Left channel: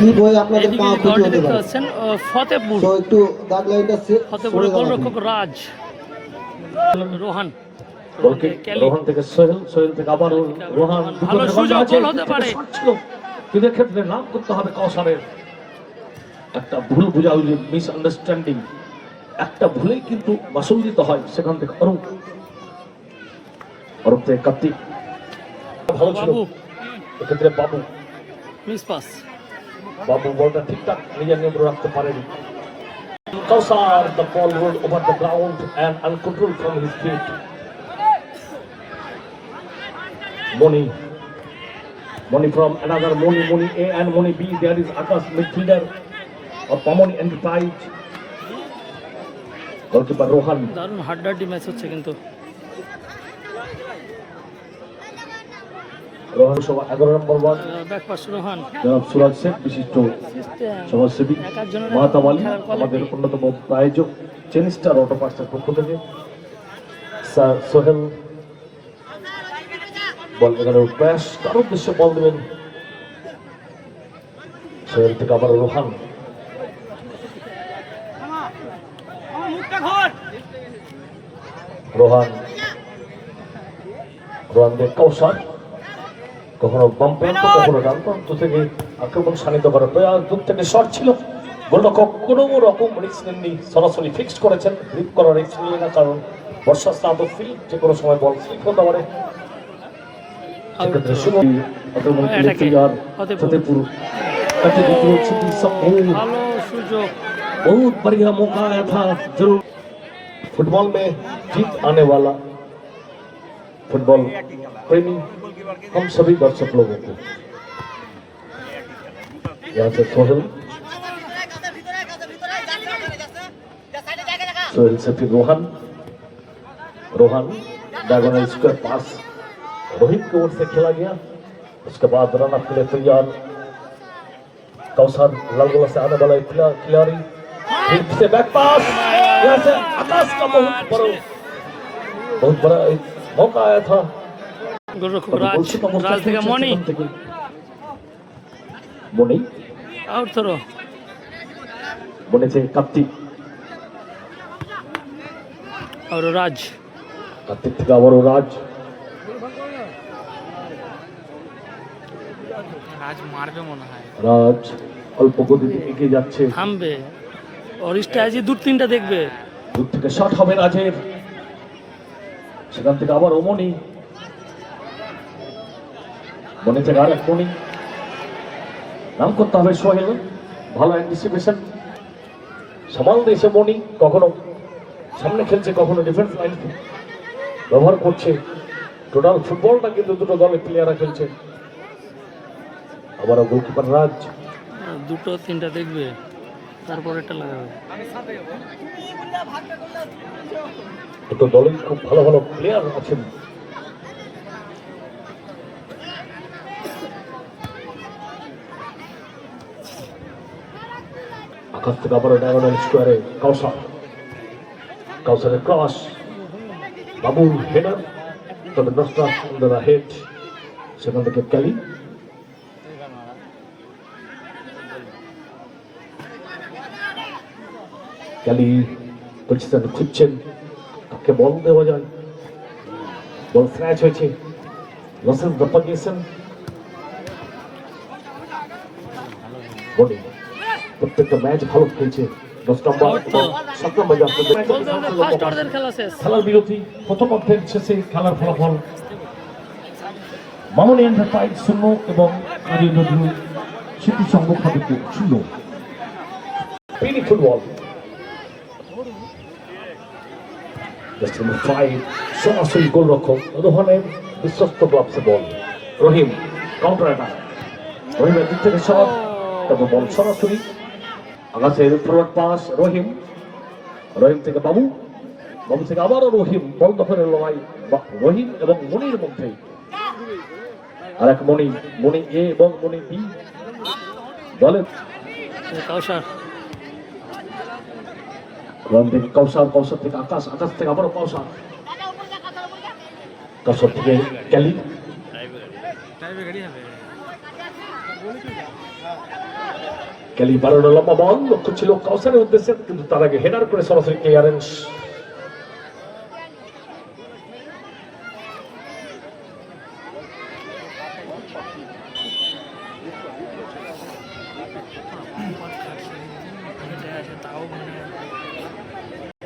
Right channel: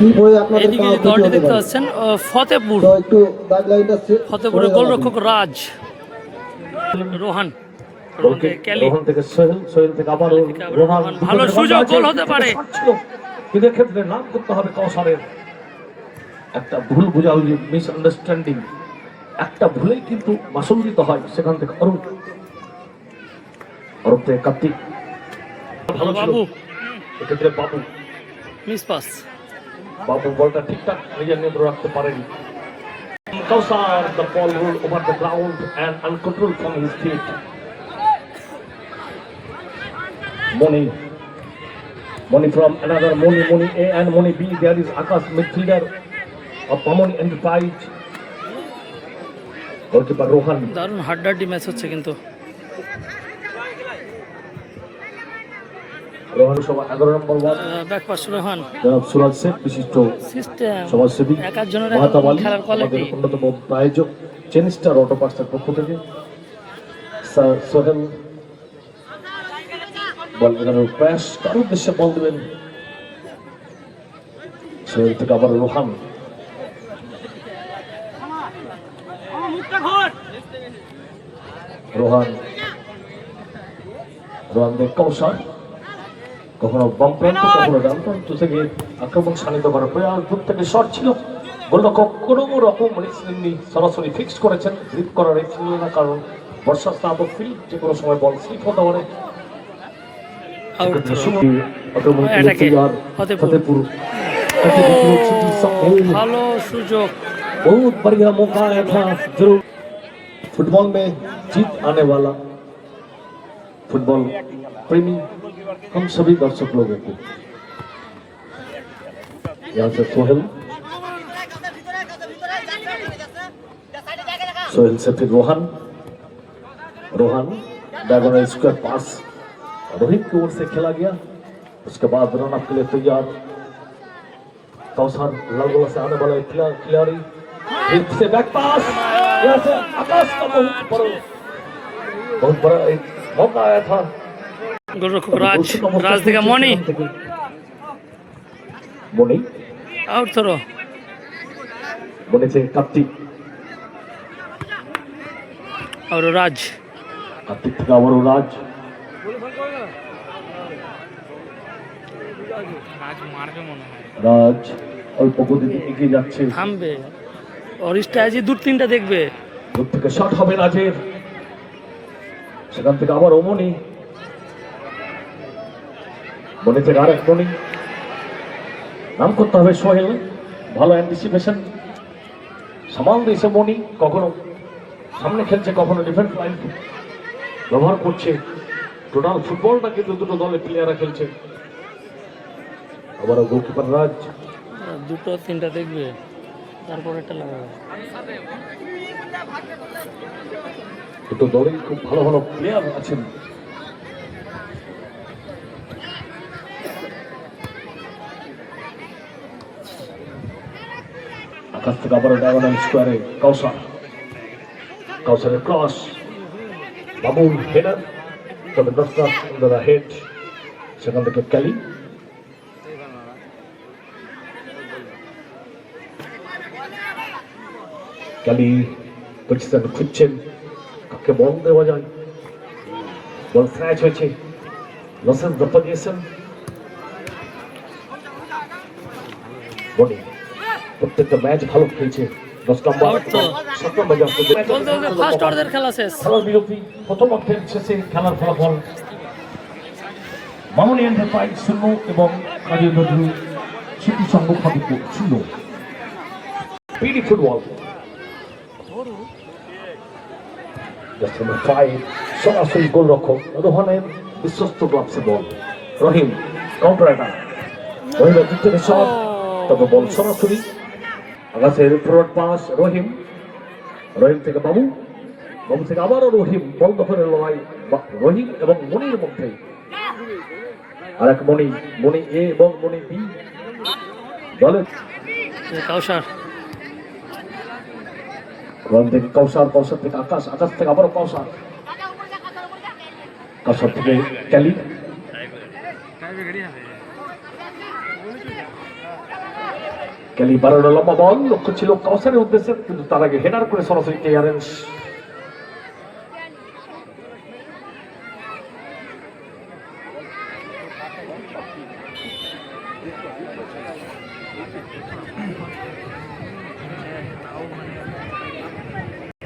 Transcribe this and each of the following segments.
Slip হয়ে আপনাদের পা ক্ষতি হতে পারে। পাচ্ছেন ফতেপুর, তো একটু দাগ লাইনটা ফতেপুরের গোলরক্ষক রাজ, রোহান, রোহান থেকে সোহেল থেকে আবার রোহান, ভালো সুযোগ, গোল হতে পারে। কিন্তু ক্ষেত্রে নাম করতে হবে কাউসারের। একটা ভুল বুঝাবুঝি, মিস আন্ডারস্ট্যান্ডিং, একটা ভুলেই কিন্তু মাসুল দিতে হয়। সেখান থেকে অরূপ থেকে কার্তিক, ভালো ছিল এক্ষেত্রে বাবু, মিস পাস। বাবু বলটা ঠিকঠাক নিজের নিয়ন্ত্রণ রাখতে পারেনি। Kausar, the ball rolled over the ground and uncontrolled from his feet. Moni from another Moni A and Moni B. There is Akash, midfielder of Pamoni Enterprise. Goalkeeper Rohan. দারুণ হাড্ডাহাড্ডি match হচ্ছে কিন্তু। রোহান সভা 11 নম্বর ওয়ার্ড, ব্যাক পাস রোহান, জনাব সুরাজ শেখ বিশিষ্ট system সমাজসেবী, একাজনের মহাতাব আলী খেলার আমাদের কোয়ালিটি। অন্যতম প্রায়োজক, চেনিস্টার অটো পাস্টার পক্ষ থেকে সোহেল বল এখানে প্রয়াস কার উদ্দেশ্যে বল দেবেন। সোহেল থেকে আবার রোহান, রোহান দিয়ে কৌশল, কখনো বাম প্রান্ত কখনো ডান প্রান্ত থেকে আক্রমণ শানিত করার প্রয়াস। দূর থেকে শট ছিল, গোলরক্ষক কোনো রকম রিস্ক নেননি, সরাসরি ফিক্স করেছেন। গ্রিপ করার রিস্ক নিল না, কারণ বর্ষা স্নাত ফিল্ড যে কোনো সময় বল স্লিপ হতে পারে। ভালো সুযোগ, बहुत बढ़िया मौका आया था। जरूर फुटबॉल में जीत आने वाला, फुटबॉल प्रेमी हम सभी दर्शक लोगों को। यहाँ से सोहेल से फिर रोहन डायगोनल स्क्वायर पास रोहित की ओर से खेला गया। उसके बाद रन अप के लिए तैयार कौसर, लालगोला से आने वाला खिलाड़ी, फिर से बैक पास, यहाँ से आकाश का बहुत बड़ा एक मौका आया था। গোলরক্ষক রাজ থেকে মনি আউট থ্রো, মনে से কার্তিক, আর রাজ, কার্তিক থেকে আবারও রাজ মারবে মনে হয়। রাজ অল্প গতিতে এগিয়ে যাচ্ছে, থামবে, ওর স্ট্র্যাটেজি দু তিনটা দেখবে। দূর থেকে শট হবে রাজের, সেখান থেকে আবার মনি থেকে আর এক মনি, নাম করতে হবে সোহেল। ভালো অ্যান্টিসিপেশন, সামাল দিয়েছে মনি, কখনো সামনে খেলছে, কখনো ডিফেন্স লাইন ব্যবহার করছে। টোটাল ফুটবলটা কিন্তু দুটো দলের প্লেয়াররা খেলছে। আবারও গোলকিপার রাজ, দুটো তিনটা দেখবে, তারপর এটা লাগাবে। দুটো দলেই খুব ভালো ভালো প্লেয়ার আছেন। আকাশ থেকে আবারও ডায়গোনাল স্কোয়ারে কাউসারের ক্রস, বাবুল হেডার, তবে দশটা হেড, সেখান থেকে ক্যালি, পজিশন খুঁজছেন, কাকে বল দেওয়া যায়। বল স্ন্যাচ হয়েছে, লসেন ধাপ্পা দিয়েছেন। প্রত্যেকটা ম্যাচ ভালো খেলছে। 10 নম্বর 7 নম্বর খেলার বিরতি, প্রথম অর্ধের শেষে খেলার ফলাফল মামনি এন্টারপ্রাইজ 0 এবং কাজী নজরুল স্মৃতি সংঘ খাদিপুর 0। পিডি ফুটবল নম্বর 5 সরাসরি গোলরক্ষক রোহানের বিশ্বস্ত ব্লকসি বল। রহিম কাউন্টার অ্যাটাক, রহিমের দিক থেকে শট, তবে বল সরাসরি আকাশের ফরওয়ার্ড পাস। রহিম থেকে বাবু থেকে আবারও রহিম, বল দখলের লড়াই রহিম এবং মনির মধ্যে। আর এক মনি এ এবং মনি বি দলের কাউসার, থেকে কৌশল থেকে আকাশ থেকে আবারও কৌশল থেকে ক্যালি, ক্যালি বারোর লম্বা বল, লক্ষ্য ছিল কাউসারের উদ্দেশ্যে, কিন্তু তার আগে হেডার করে সরাসরি ক্লিয়ারেন্স।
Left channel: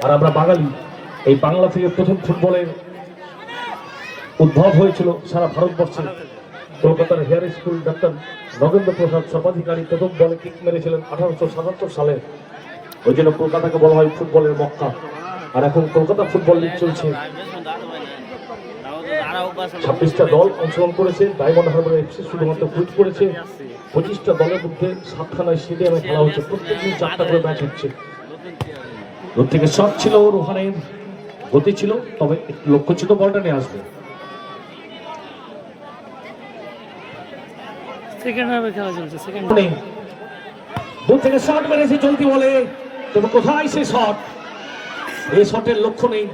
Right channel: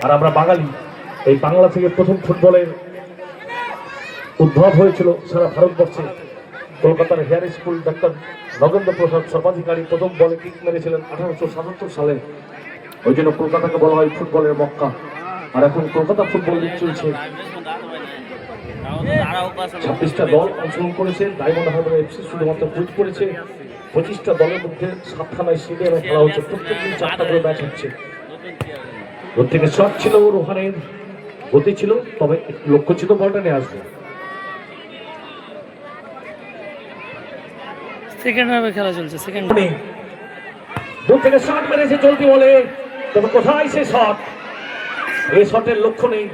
আর আমরা বাঙালি, এই বাংলা থেকে প্রথম ফুটবলের উদ্ভব হয়েছিল সারা ভারতবর্ষে। কলকাতার হেয়ার স্কুল ডাক্তার নগেন্দ্র প্রসাদ সর্বাধিকারী প্রথম বলে কিক মেরেছিলেন 1877 সালে। ওই জন্য কলকাতাকে বলা হয় ফুটবলের মক্কা। আর এখন কলকাতা ফুটবল লিগ চলছে। 26টা দল অংশগ্রহণ করেছে। ডায়মন্ড হারবার এফসি শুধুমাত্র বুট করেছে। 25টা দলের মধ্যে 7খানায় স্টেডিয়ামে খেলা হচ্ছে। প্রত্যেকদিন 4টা করে ম্যাচ হচ্ছে। দূর থেকে শট ছিল, রোহানের গতি ছিল, তবে লক্ষ্য ছিল বলটা নিয়ে আসবে। সেকেন্ড হাফে খেলা চলছে। সেকেন্ড দূর থেকে শট মেরেছে চলতি বলে, তবে কোথায় সে শট? এই শটের লক্ষ্য নেই।